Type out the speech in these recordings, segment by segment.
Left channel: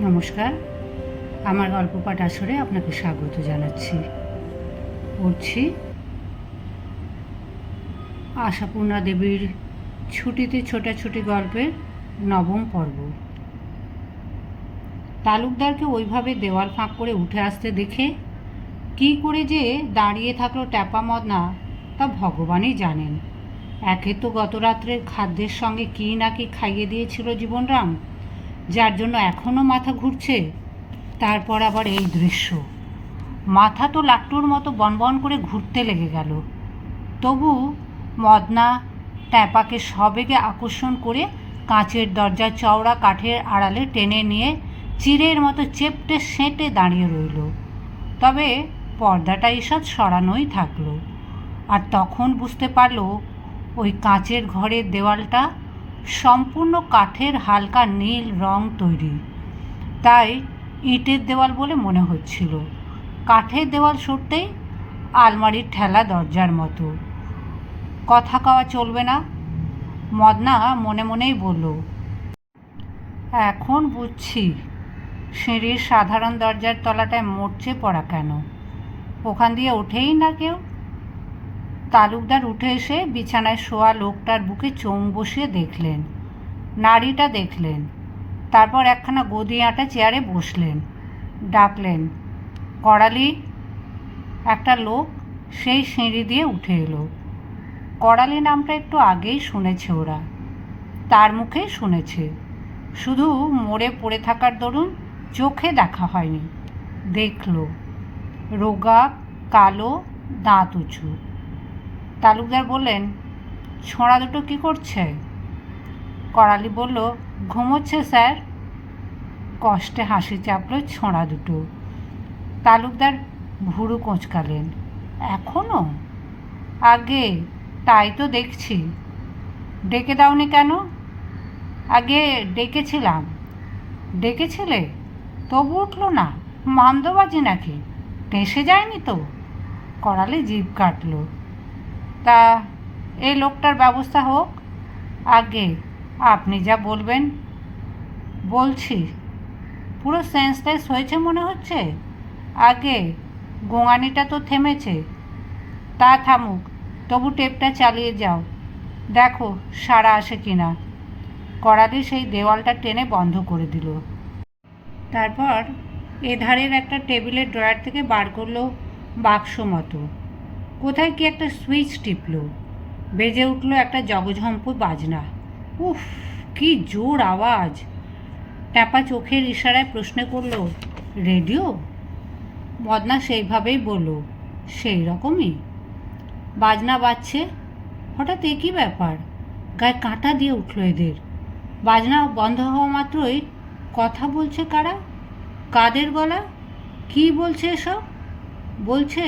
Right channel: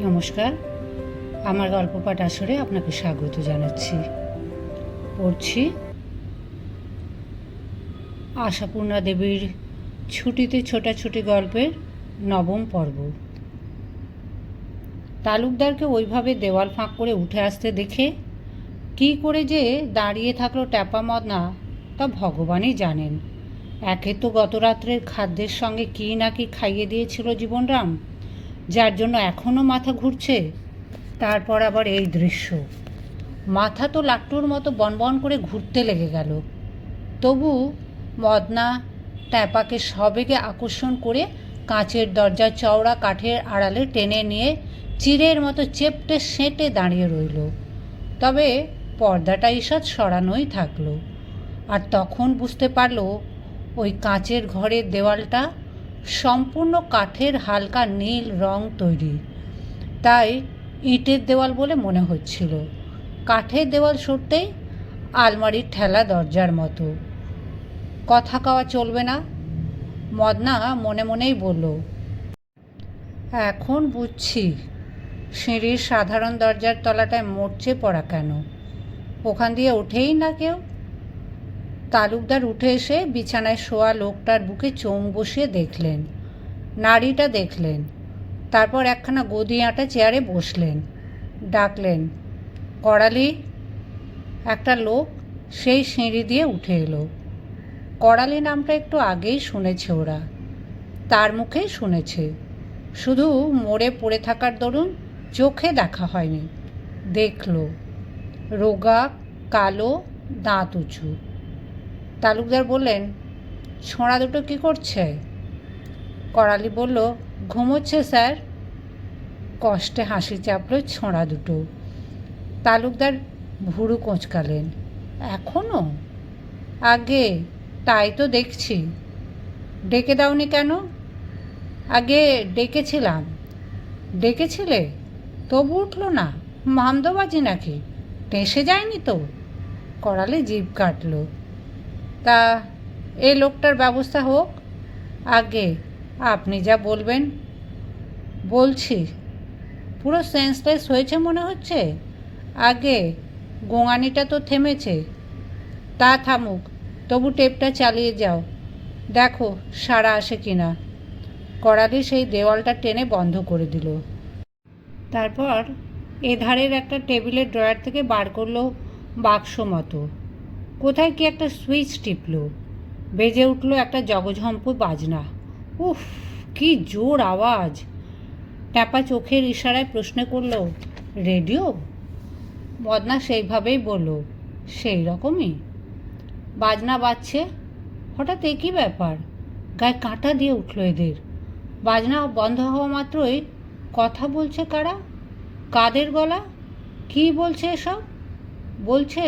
নমস্কার। আমার গল্প পাঠ আসরে আপনাকে স্বাগত জানাচ্ছি। পড়ছি, আশাপূর্ণা দেবীর ছুটিতে ছোটাছুটি গল্পের নবম পর্ব। তালুকদারকে ওইভাবে দেওয়াল ফাঁক করে উঠে আসতে দেখে কী করে যে দাঁড়িয়ে থাকল ট্যাপা মদনা তা ভগবানই জানেন। একে তো গত রাত্রের খাদ্যের সঙ্গে কী না কি খাইয়ে দিয়েছিল জীবনরাম। যার জন্য এখনও মাথা ঘুরছে, তারপর আবার এই দৃশ্য। মাথা তো লাট্টুর মতো বনবন করে ঘুরতে লেগে গেল। তবু মদনা ট্যাপাকে সবেগে আকর্ষণ করে কাঁচের দরজার চওড়া কাঠের আড়ালে টেনে নিয়ে চিরের মতো চেপটে সেঁটে দাঁড়িয়ে রইল। তবে পর্দাটা ঈষৎ সরানোই থাকল। আর তখন বুঝতে পারল ওই কাঁচের ঘরের দেওয়ালটা সম্পূর্ণ কাঠের হালকা নীল রং তৈরি। তাই ইটের দেওয়াল বলে মনে হচ্ছিল। কাঠের দেওয়াল সরতেই আলমারির ঠেলা দরজার মতো। কথা কওয়া চলবে না। মদনা মনে মনেই বলল, এখন বুঝছি সিঁড়ির সাধারণ দরজার তলাটায় মরচে পড়া কেন? ওখান দিয়ে ওঠেই না কেউ? তালুকদার উঠে এসে বিছানায় শোয়া লোকটার বুকে চোং বসিয়ে দেখলেন। নাড়িটা দেখলেন। তারপর একখানা গদি আঁটা চেয়ারে বসলেন। ডাকলেন করালি একটা লোক সেই সিঁড়ি দিয়ে উঠে এলো। করালি নামটা একটু আগেই শুনেছে ওরা। তার মুখেই শুনেছে। শুধু মরে পড়ে থাকার দরুন চোখে দেখা হয়নি। দেখল। রোগা, কালো, দাঁত উঁচু। তালুকদার বললেন ছোঁড়া দুটো কী করছে? করালি বলল, ঘুমোচ্ছে, স্যার। কষ্টে হাসি চাপলো ছোঁড়া দুটো। তালুকদার ভুরু কোঁচকালেন এখনও আগে, তাই তো দেখছি। ডেকে দাওনি কেন? আগে ডেকেছিলাম। ডেকেছিলে? তবু উঠল না মামদবাজি নাকি? টেসে যায়নি তো? করালে জিভ কাটলো। তা এই লোকটার ব্যবস্থা হোক। আগে আপনি যা বলবেন, বলছি। পুরো সেন্সলেস হয়েছে মনে হচ্ছে? আগে গোঙানিটা তো থেমেছে। তা থামুক, তবু টেপটা চালিয়ে যাও। দেখো সারা আসে কিনা। করালি সেই দেওয়ালটা টেনে বন্ধ করে দিল। তারপর এধারের একটা টেবিলের ড্রয়ার থেকে বার করল বাক্স মতো। কোথায় কি একটা সুইচ টিপল? বেজে উঠল একটা জগঝম্পু বাজনা। উফ, কি জোর আওয়াজ। ট্যাপা চোখের ইশারায় প্রশ্ন করল, রেডিও? মদনা সেইভাবেই বলল সেই রকমই বাজনা বাজছে। হঠাৎ একই ব্যাপার, গায়ে কাঁটা দিয়ে উঠল এদের। বাজনা বন্ধ হওয়া মাত্রই কথা বলছে কারা? কাদের গলা? কি বলছে এসব? বলছে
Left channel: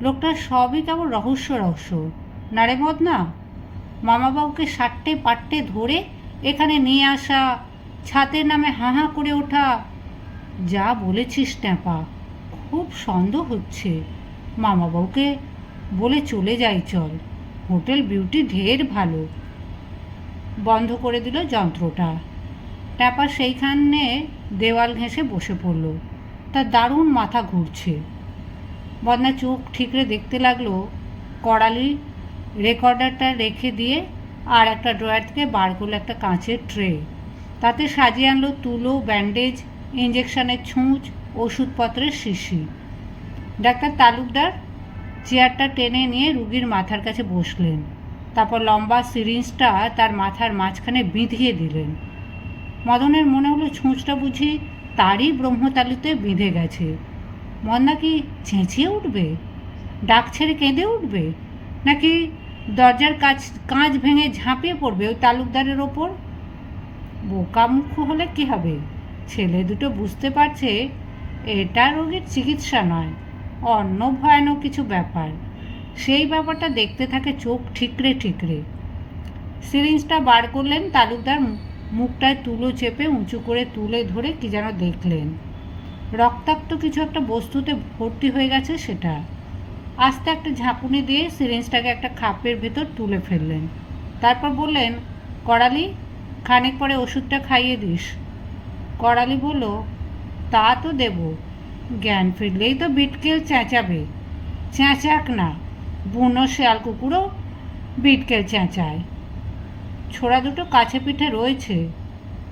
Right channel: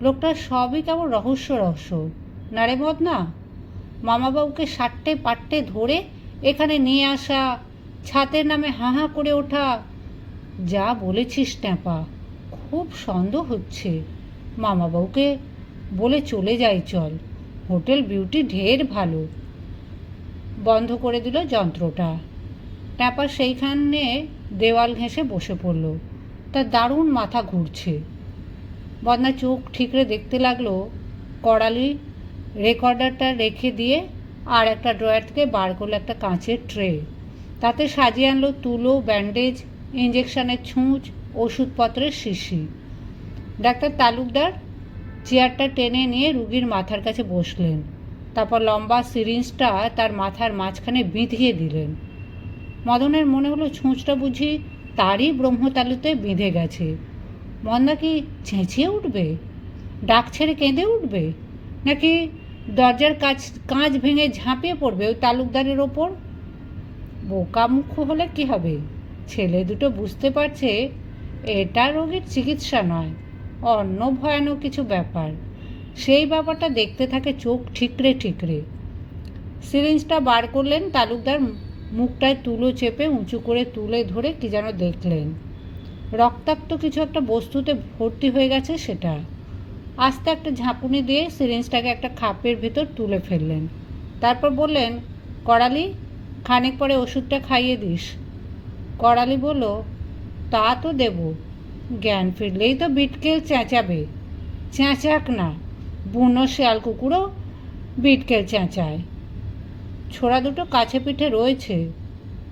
লোকটা সবই কেমন রহস্য রহস্য। না রে মদনা, মামাবাবুকে সাট্টে পাট্টে ধরে এখানে নিয়ে আসা, ছাতের নামে হাঁ হাঁ করে ওঠা, যা বলেছিস ট্যাপা, খুব সন্দেহ হচ্ছে। মামাবাবুকে বলে চলে যাই চল, হোটেল বিউটি ঢের ভালো। বন্ধ করে দিল যন্ত্রটা। ট্যাপা সেইখানে দেওয়াল ঘেঁষে বসে পড়ল। তার দারুণ মাথা ঘুরছে। বদনা চোখ ঠিকরে দেখতে লাগল, কড়ালি রেকর্ডারটা রেখে দিয়ে আর একটা ড্রয়ার থেকে বার করল একটা কাঁচের ট্রে তাতে সাজিয়ে আনলো তুলো ব্যান্ডেজ ইঞ্জেকশনের ছুঁচ, ওষুধপত্রের শিশি। ডাক্তার তালুকদার চেয়ারটা টেনে নিয়ে রুগীর মাথার কাছে বসলেন। তারপর লম্বা সিরিঞ্জটা তার মাথার মাঝখানে বিঁধিয়ে দিলেন। মদনের মনে হলো ছুঁচটা বুঝি তারই ব্রহ্মতালিতে বিঁধে গেছে। মন্দা কি চেঁচিয়ে উঠবে? ডাক ছেড়ে কেঁদে উঠবে? নাকি দরজার কাজ কাঁচ ভেঙে ঝাঁপিয়ে পড়বে ওই তালুকদারের ওপর? বোকামুখ হলে কি হবে? ছেলে দুটো বুঝতে পারছে এটা রোগীর চিকিৎসা নয়, অন্য ভয়ানক কিছু ব্যাপার। সেই ব্যাপারটা দেখতে থাকে চোখ ঠিকরে ঠিকরে। সিরিঞ্জটা বার করলেন তালুকদার, মুখটায় তুলো চেপে উঁচু করে তুলে ধরে কি যেন দেখলেন। রক্তাক্ত কিছু একটা বস্তুতে ভর্তি হয়ে গেছে সেটা। আস্তে একটা ঝাঁপুনি দিয়ে সিরিঞ্জটাকে একটা খাপের ভেতর তুলে ফেললেন। তারপর বললেন, করালি, খানিক পরে ওষুধটা খাইয়ে দিস। করালি বলল, তা তো দেব। জ্ঞান ফিরলেই তো বিটকেল চেঁচাবে। চেঁচাক না, বুনো শেয়াল কুকুরও বিটকেল চেঁচায়। ছোড়া দুটো কাছে পিঠে রয়েছে।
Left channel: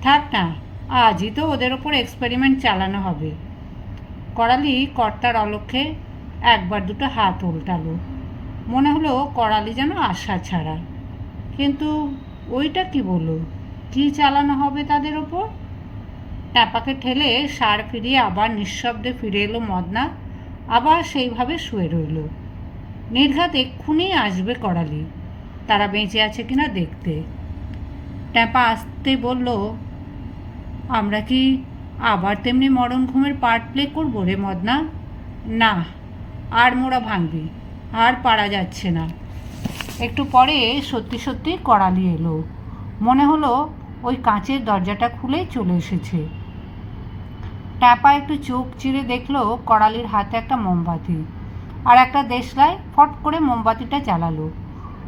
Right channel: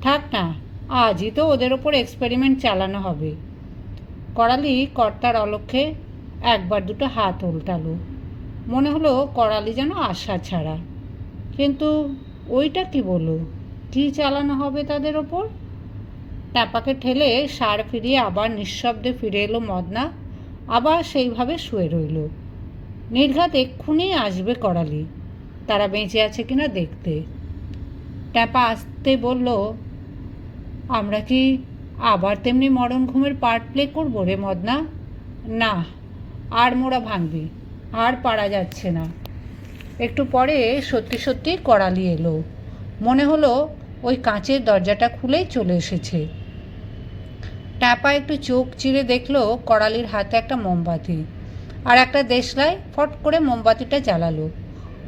থাক না, আজই তো ওদের ওপর এক্সপেরিমেন্ট চালানো হবে। করালি কর্তার অলক্ষ্যে একবার দুটো হাত উল্টালো। মনে হলো করালি যেন আশা ছাড়া। কিন্তু ওইটা কি বলল? কি চালানো হবে তাদের ওপর? টাপাকে ঠেলে সার ফিরিয়ে আবার নিঃশব্দে ফিরে এলো মদনা, আবার সেইভাবে শুয়ে রইল। নির্ঘাত এক্ষুনি আসবে করালি। তারা বেঁচে আছে কিনা দেখতে। ট্যাপা আসতে বলল, আমরা কি আবার তেমনি মরণ ঘুমের পার্ট প্লে করব রে মদনা? না, আর মোড়া ভাঙবি, আর পারা যাচ্ছে না। একটু পরে সত্যি সত্যি করালি এলো। মনে হলো ওই কাঁচের দরজাটা খুলেই চলে এসেছে। ট্যাপা একটু চোখ চিরে দেখল করালির হাতে একটা মোমবাতি আর একটা দেশলাই ফট করে মোমবাতিটা জ্বালালো।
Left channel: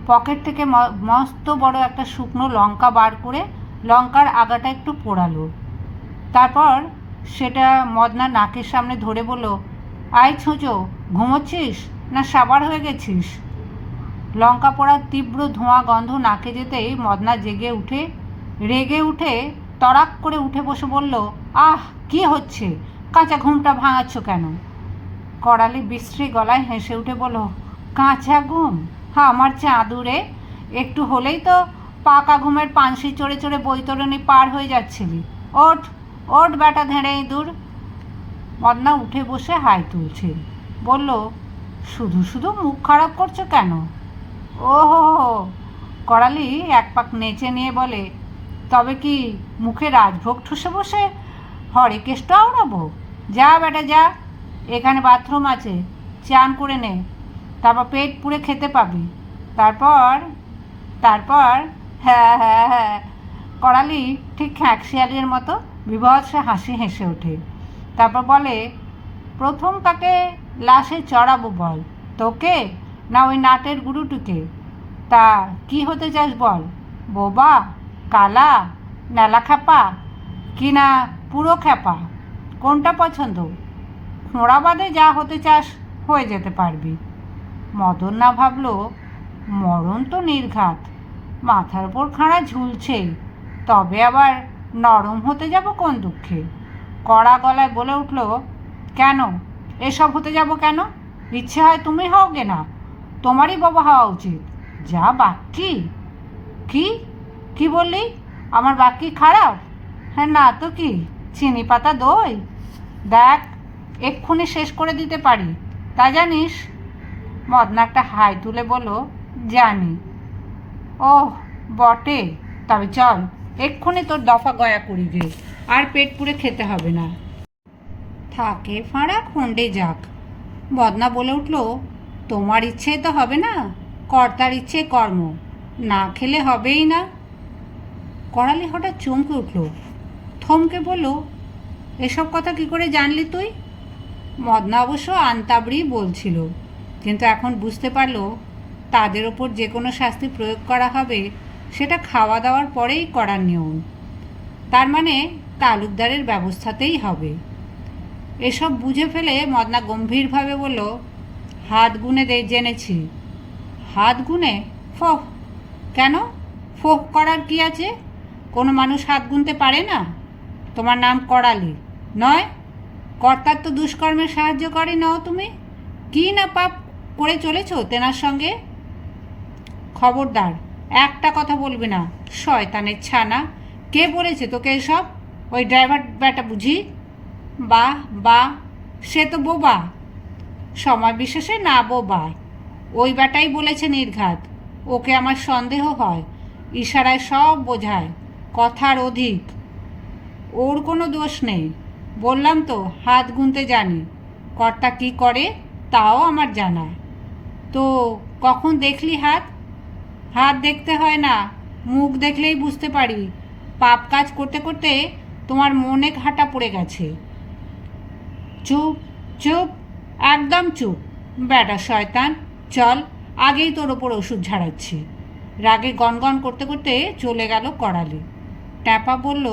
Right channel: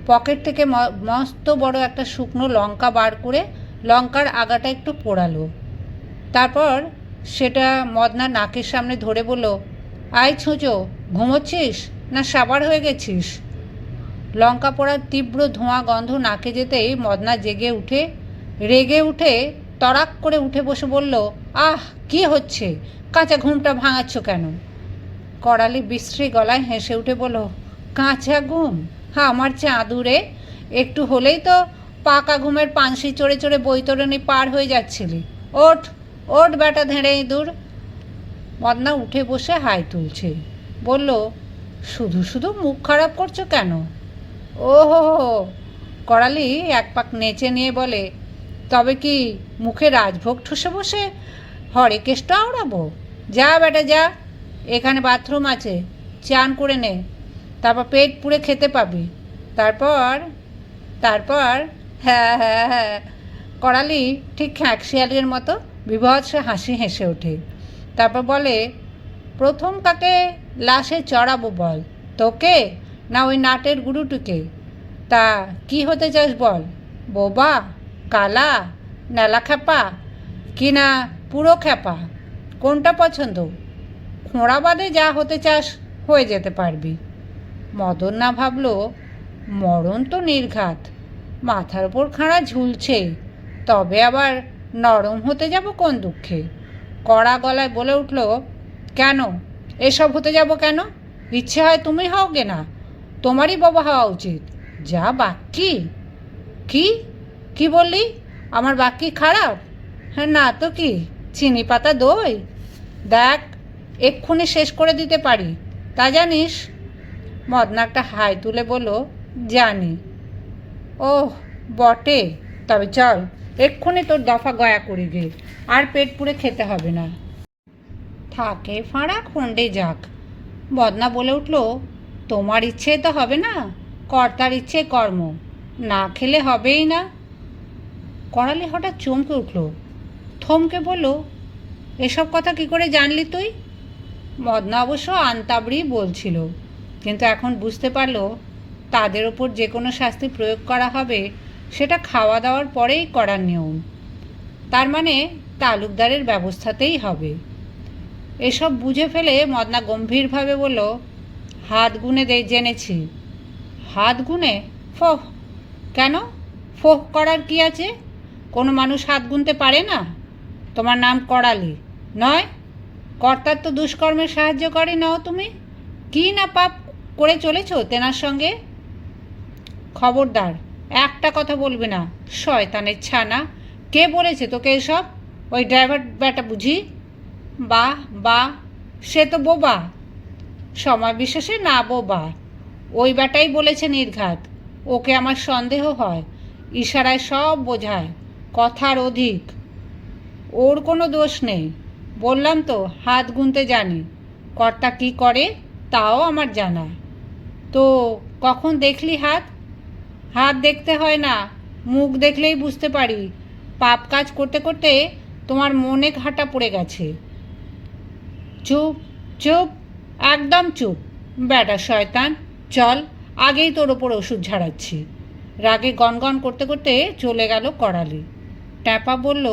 পকেট থেকে মস্ত বড় একটা শুকনো লঙ্কা বার করে লঙ্কার আগাটা একটু পোড়ালো। তারপর সেটা মদনা নাকের সামনে ধরে বলল, আয় ছুঁচো, ঘুমোচ্ছিস না সাবার হয়ে গেছিস? লঙ্কা পোড়ার তীব্র ধোঁয়া গন্ধ নাকে যেতেই মদনা জেগে উঠে, রেগে উঠে তড়াক করে উঠে বসে বলল, আহ, কি হচ্ছে? কাঁচা ঘুমটা ভাঙাচ্ছ কেন? করালি বিশ্রী গলায় হেসে উঠে বলল, কাঁচা ঘুম? হ্যাঁ আমার চাঁদুরে? একটু হলেই তো পাকা ঘুমের পানসি চড়ে চড়ে বৈতরণী পার হয়ে যাচ্ছিলি ওঠ ওঠ বেটা ধেড়ে ইঁদুর। মদনা উঠে বসে হাই তুলছে। বলল, শুধু শুধু মুখ খারাপ করছ কেন? ও হো হো করালি এক পাক নেচে নিয়ে বলে, তবে কি মুখে রাজভোগ ঠুসে বসে? হরে কেষ্ট আওড়াবো। যা বেটা, যা। এখানে বাথরুম আছে। চান করে নে। তারপর পেট পুড়ে খেতে পাবি। তারপর তারপর হ্যাঁ হ্যাঁ হ্যাঁ। করালি ঠিক খ্যাঁকশিয়ালের মতো বিভৎসে হাসি হেসে ওঠে। তারপর বলে, প্রথম কাকে লাশে চড়াবো বল? তোকে না ওই নাটের গুরুটুকে? তা কি হতে চাস বল? বোবা, কালা নেলা খ্যাপা কি না পুরো খ্যাপা? কোনটা পছন্দ? খোঁড়া বাদে যা হতে চাস হয়ে যেতে পারবি। মদন না ভাবল, মরণ তো নির্ঘাত। মাথার ওপর খাঁড়া ঝুলছে। তবে আবার নরম হতে যাব কোন দুঃখে? কড়া গলায় বলে উঠল, কেন? এসব হতে যাব কেন? ইচ্ছে হয় তুমি হও গে না। তোমারই বাবা হওয়া উচিত। যা বাক্যি কি? কি বললি? আমার বাক্যি খারাপ? হ্যাঁ না তো কি? চিনি পাতা দই? দেখ, এক্ষুনি শেষ করে দিতে পারি। তা জানিস? মদনা একটা হাই তুলে বলো জানি। ওহ, বটে। তবে চল এক্ষুনি তোর দফা গয়া করে গে, আর পেট পুড়ে খেতে হবে না। থাকে, ফাঁড়া খন্ডে যাক। বদনা বলে উঠল, তোমার ইচ্ছে তো হবে না, কর্তার ইচ্ছে কর্ম, না খেলে হবেই না। করালি হঠাৎ চমকে উঠল, থমকে বলল, এসব কথা কি করে জানলি তুই? মদনা অবশ্য আন্তাবড়ি বলছিল, কিন্তু এখন বুঝতে পারল, তাদের ওপর যে কোনো শাস্তি প্রয়োগ করা হবে সেটা খাওয়া দাওয়ার পরেই করার নিয়ম। তার মানে তালুকদারের ব্যবস্থাতেই হবে। এসব বুঝে ফেলে মদনা গম্ভীরভাবে বলল, হাত গুনে দে, জেনেছি। হাত গুনে? ফোহ! কেন? ফোহ করার কি আছে? কোনো মানুষ হাত গুনতে পারে না? তোমার নাম করালি, নয়? কর্তার তো দুষ্কর্মে সাহায্য করে, নাও তুমি। কি না পাপ করে চলেছ তেনার সঙ্গে? খবরদার একটা কথা বলবে না। শয়তানের ছানা। কে বলেছে তোকে এসব? ওই ড্রাইভার ব্যাটা বুঝি? বা বা, সে তো বোবা। সময় বিশেষে না বোবা। ওই ব্যাটাই বলেছে নির্ঘাত। ওকে আমার সন্দেহ হয়। ইশারায় সব বোঝায়। কথার অধিক। ওর কোনো দোষ নেই। বললাম তো, হাত গুনতে জানি। কর্তা কি করে? তাও আমার জানা তো, কখন দেখলি হাত? হাত দেখতে হয় না, মুখ দেখলেই বুঝতে পারি। পাপ কাজ করতে করতে তোমার মনে ঘাটা পড়ে গেছে। চুপ চুপ, একদম চুপ। বেটা শয়তান, চল, আগেই তোর ওপর ওষুধ ঝাড়াচ্ছি। রাগে গনগন করতে করতে চলে গেল করালি ট্যাপা বলল,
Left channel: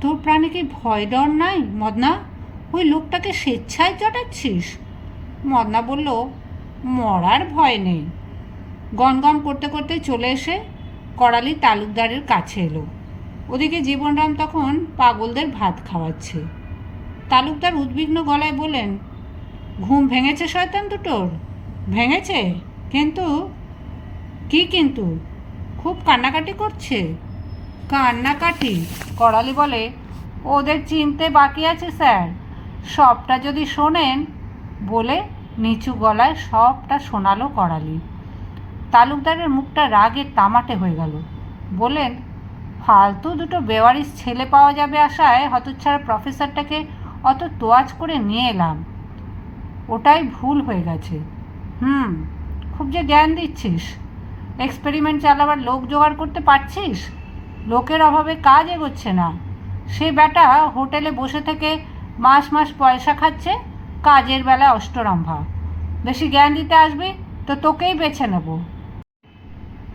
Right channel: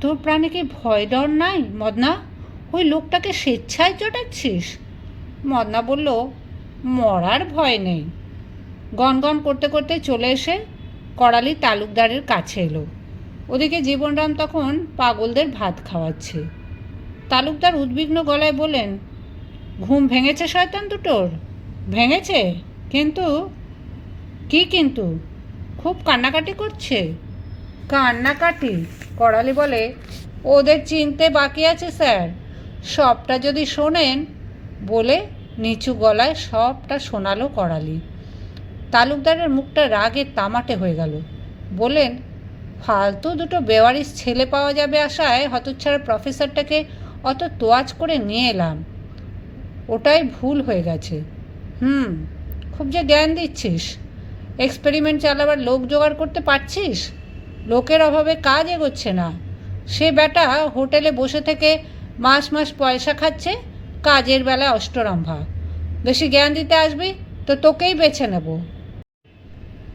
তোর প্রাণে কি ভয় ডর নাই, মদনা? ওই লোকটাকে স্বেচ্ছায় চটাচ্ছিস? মদনা বলল, মরার ভয় নেই। গনগন করতে করতে চলে এসে করালি তালুকদারের কাছে এলো। ওদিকে জীবনরাম তখন পাগলদের ভাত খাওয়াচ্ছে। তালুকদার উদ্বিগ্ন গলায় বলেন ঘুম ভেঙেছে শয়তান দুটোর? ভেঙেছে, কিন্তু কি কিন্তু? খুব কান্নাকাটি করছে? কান্নাকাটি করালি বলে, ওদের চিনতে বাকি আছে, স্যার। সবটা যদি শোনেন, বলে নিচু গলায় সবটা শোনালো করালি। তালুকদারের মুখটা রাগে তামাটে হয়ে গেল। বলেন ফালতু দুটো বেওয়ারিশ ছেলে পাওয়া যাবে আশায় হতচ্ছাড়া প্রফেসরটাকে অত তোয়াজ করে নিয়ে এলাম। ওটাই ভুল হয়ে গেছে। হুম, খুব যে জ্ঞান দিচ্ছিস। এক্সপেরিমেন্ট চালাবার লোক জোগাড় করতে পারছিস? লোকের অভাবে কাজ এগোচ্ছে না। সে বেটা হোটেলে বসে থেকে মাস মাস পয়সা খাচ্ছে, কাজের বেলায় অষ্টরম্ভা। বেশি জ্ঞান দিতে আসবি তো তোকেই বেছে নেব।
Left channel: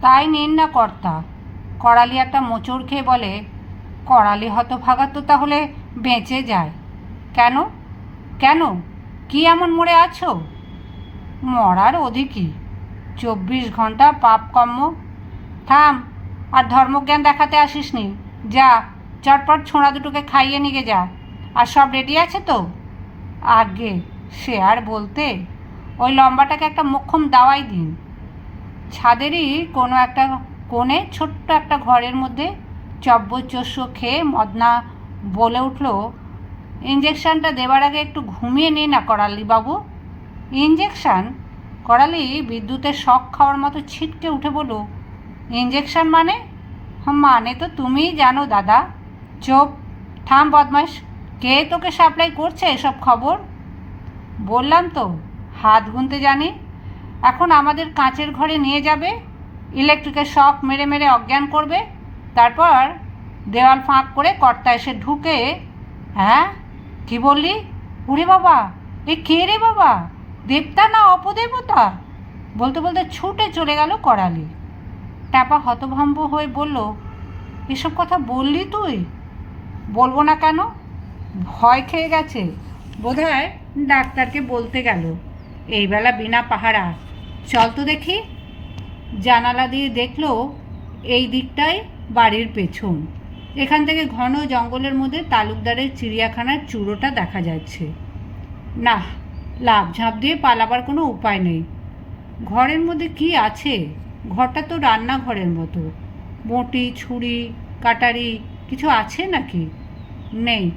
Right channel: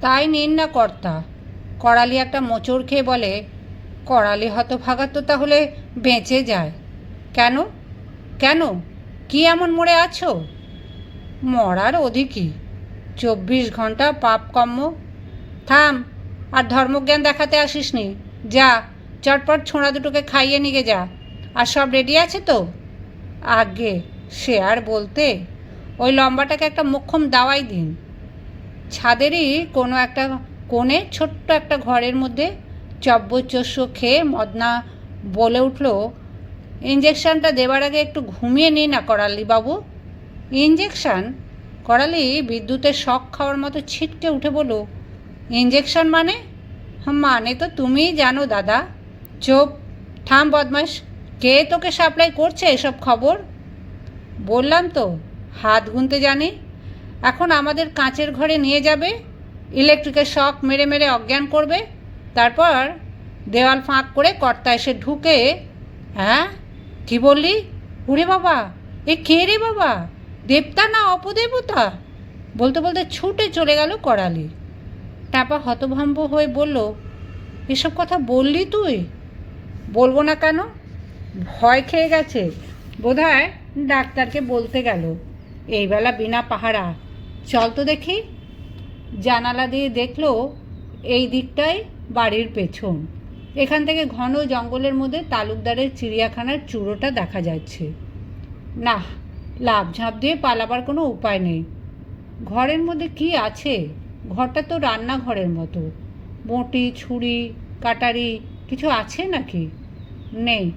তাই নিন না কর্তা। করালি একটা মোচড় খেয়ে বলে, করালি হতভাগা তো তাহলে বেঁচে যায়। কেন? কেন? কি এমন মরে আছো? মরার অধিকই চব্বিশ ঘণ্টা পাপ কম্ম থাম, আর ধর্মজ্ঞান দেখাতে আসিস নি যা, চটপট ছোঁড়া দুটোকে খাইয়ে নিয়ে যা। আর সব রেডি আছে তো? আগে, সে আর বলতে। ওই লম্বাটাকে একটা মোক্ষম দাওয়াই দিন। ছাদেরই কোনো একটা কোণে ছোট্ট একটা ঘরের মধ্যে চব্বচস্য খেয়ে মদনা বলে উঠল ইঞ্জেকশনটা দেবার আগে একটু ঘুমিয়ে নিই না করালি বাবু। ইঞ্জেকশন করালি বিদ্যুতের শখ খাওয়ার মতো ছিটকে উঠে বলো ইঞ্জেকশন মানে? মানে তো তুমিই জানো দাদা। চোপ, থাম বদমাস কে তোকে সাপ্লাই করছে এসব খবর? বললাম তো, হাত গুনতে জানি? এখন আমাদের কাঁচের ঘরে নিয়ে যাবে, ইলেকট্রিকের শক মেরে মেরে অজ্ঞান করবে, তারপর দেওয়াল ফাঁক করে কর্তা এসে ঢুকে হ্যাঁ? কি বললি? ওরে বাবা, এ কে রে বাবা? দেবতা না অপদেবতা? বলতে বলতে ছুটে চলে গেল করালি। ট্যাপা হতভম্ব হয়ে বলল, এসব কথা বললি তুই? বলব না কেন? ভয় খেয়ে গেছে। বোধহয় ডাক্তারকে বলতে গেল এইবেলা বিনা পাহারা চল তো দেখি। জানালা দিয়ে দেখল এই দিকটাই বাড়ির পেছন। এখান থেকে ঘন জঙ্গলের মধ্যে তালুকদারের চিড়িয়াখানার চূড়োটা দেখা যাচ্ছে। না লাভ ঝাঁপ দিয়ে পালাবার কোনো উপায় নেই। ঘরের মধ্যে কি আছে? ঘরটা তো রান্নাঘরের মতো। বঁটি, ছুরি, কাটারি কিছু আছে নাকি? নেই।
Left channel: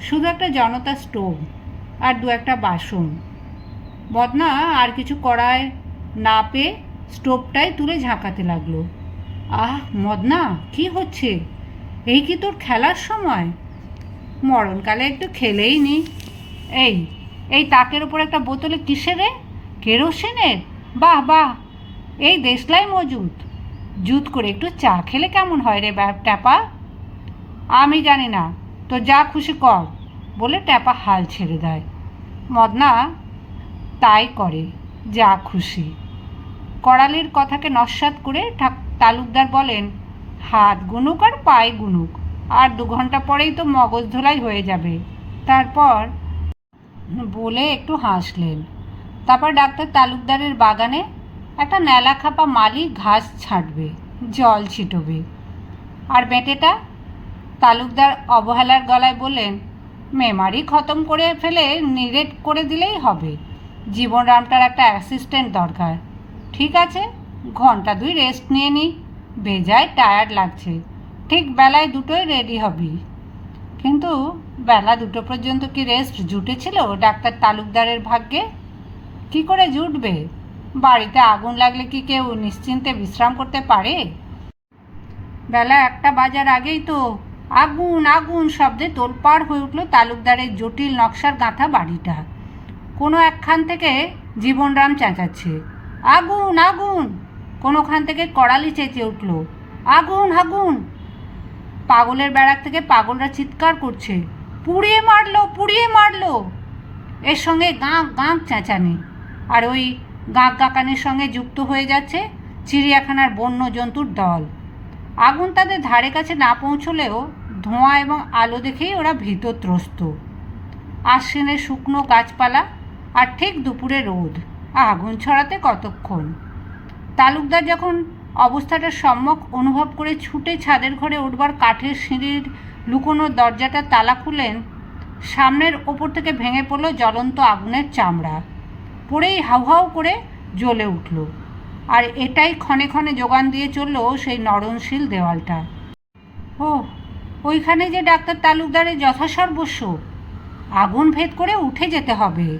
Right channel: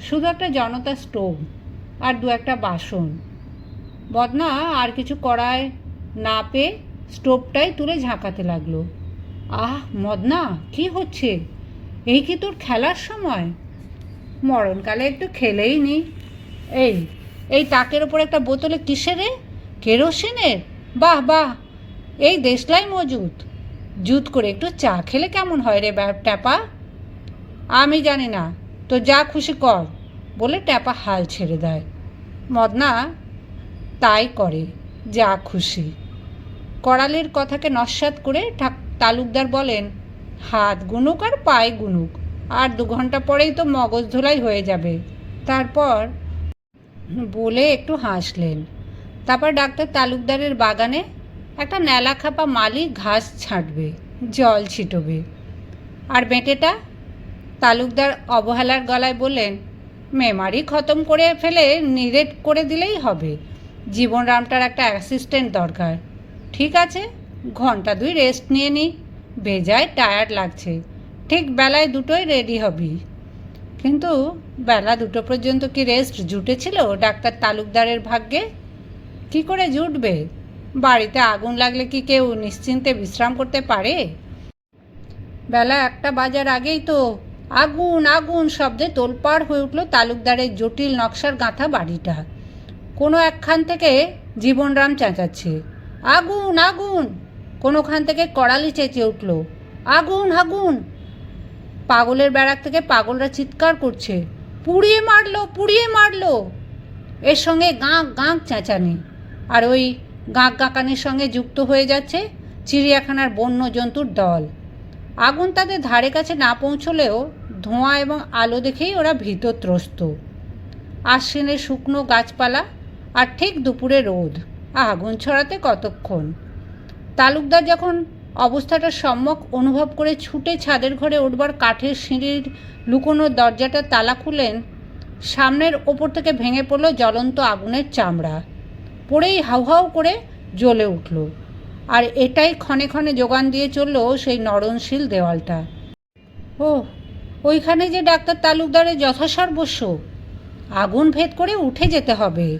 শুধু একটা জনতা স্টোভ আর দু একটা বাসন। বদনা, আর কিছু করায় না পেয়ে স্টোভটাই তুলে ঝাঁকাতে লাগল। আহ, মদনা, কি হচ্ছে? এই কি তোর খেলার সময়? মরণকালে একটু খেলেই নি। এই এই তাকের ওপর একটা বোতলে কিসের রে? কেরোসিনের? বাহ বাহ। এই দেশলাই মজুদ। জুত করে একটু চা খেলে কেমন হয় রে ট্যাপা? আমি জানি না। তো যা খুশি কর, বলে ট্যাপা হাল ছেড়ে দেয়। মদনা, তাই করে, যা খুশি। করালির কথাকে নস্বাত করে তালুকদার বলেন, হাত গুনুক আর পায়ে গুনুক, আর দু ঘণ্টা পরেই তো মগজ ধোলাই হয়ে যাবে। তারপর বলে একটু হাসলেন। তারপর ডাক্তার তালুকদারের বাগানে একটা ন্যালা খাপা মালি ঘাস ছাঁটবে, জল ছিটবে। আর বেঁটেটা? তালুকদার অবহেলার গলায় বললেন, মেমারি খতম করে ফেলে নিরেট করে দিলেই হবে। জীবনরামটার একটা অ্যাসিস্ট্যান্ট দরকার। ঠিক আছে? ঘণ্টা দুই রেস্ট নিয়ে নি। বেজায় টায়ার্ড লাগছে। ঠিক বেলায় দুটোই রেডি হবি। কিন্তু বেলা দুটো পর্যন্ত কি রেস্ট জুটেছিল ডাক্তার তালুকদারের ভাগ্যে? কি করে জুটবে? বাড়িতে আগুন লাগলে কি কেউ নিশ্চিন্তে বিশ্রাম করতে পারে? বেলা একটা বাজার আগেই তো আগুন আগুন শব্দে তোলপাড় হয়ে উঠল তালুকদারের জটিল নকশার গাঁথা বাড়িটা। কোনো একখান থেকে জীবনরাম চেঁচাচ্ছে। আগুন আগুন। কোনোখান থেকে কড়ালি চেঁচে উঠল। আগুন আগুন। পাগলের বেড়াক থেকে পাগলরা চিৎকার করছে। পুড়িয়ে মারলো পুড়িয়ে মারলো। এর সঙ্গে গাঁক গাঁক চেঁচানি। আর ওই গাঁক গাঁকানির সঙ্গে যুক্ত হয়ে যাচ্ছে চিড়িয়াখানার বন্য জন্তুর দল। আগুন তাদের ধারে কাছে না পৌঁছলেও ধোঁয়া এবং আলো দেখেই ওরা ভীতত্রস্ত। আশ্বিনের শুকনো গাছপালা আর ঠিক দুপুরে রোদ। আগুন ছড়াতে কতক্ষণ? তালুকদার যখন অবস্থাটা সম্যক অনুভব করে ছুটে ছাদের ঘরে উঠবার কাঠের সিঁড়ির লুকোনো দরজাটা তালা খুলেন, সামনের ওপর থেকে ভেঙে পড়ল জ্বলন্ত আগুনের চামড়া। পড়েই হাউ হাউ করে জ্বলে উঠল। আর এটাই ক্ষণে ক্ষণে যোগান দিয়ে চলল সেই নরণশীল দেওয়ালটা। ও ওইখানে যে ডাক্তার তালুকদারের যথাসর্বস্ব। আগুন ভেদ করে উঠে যেতে হবে।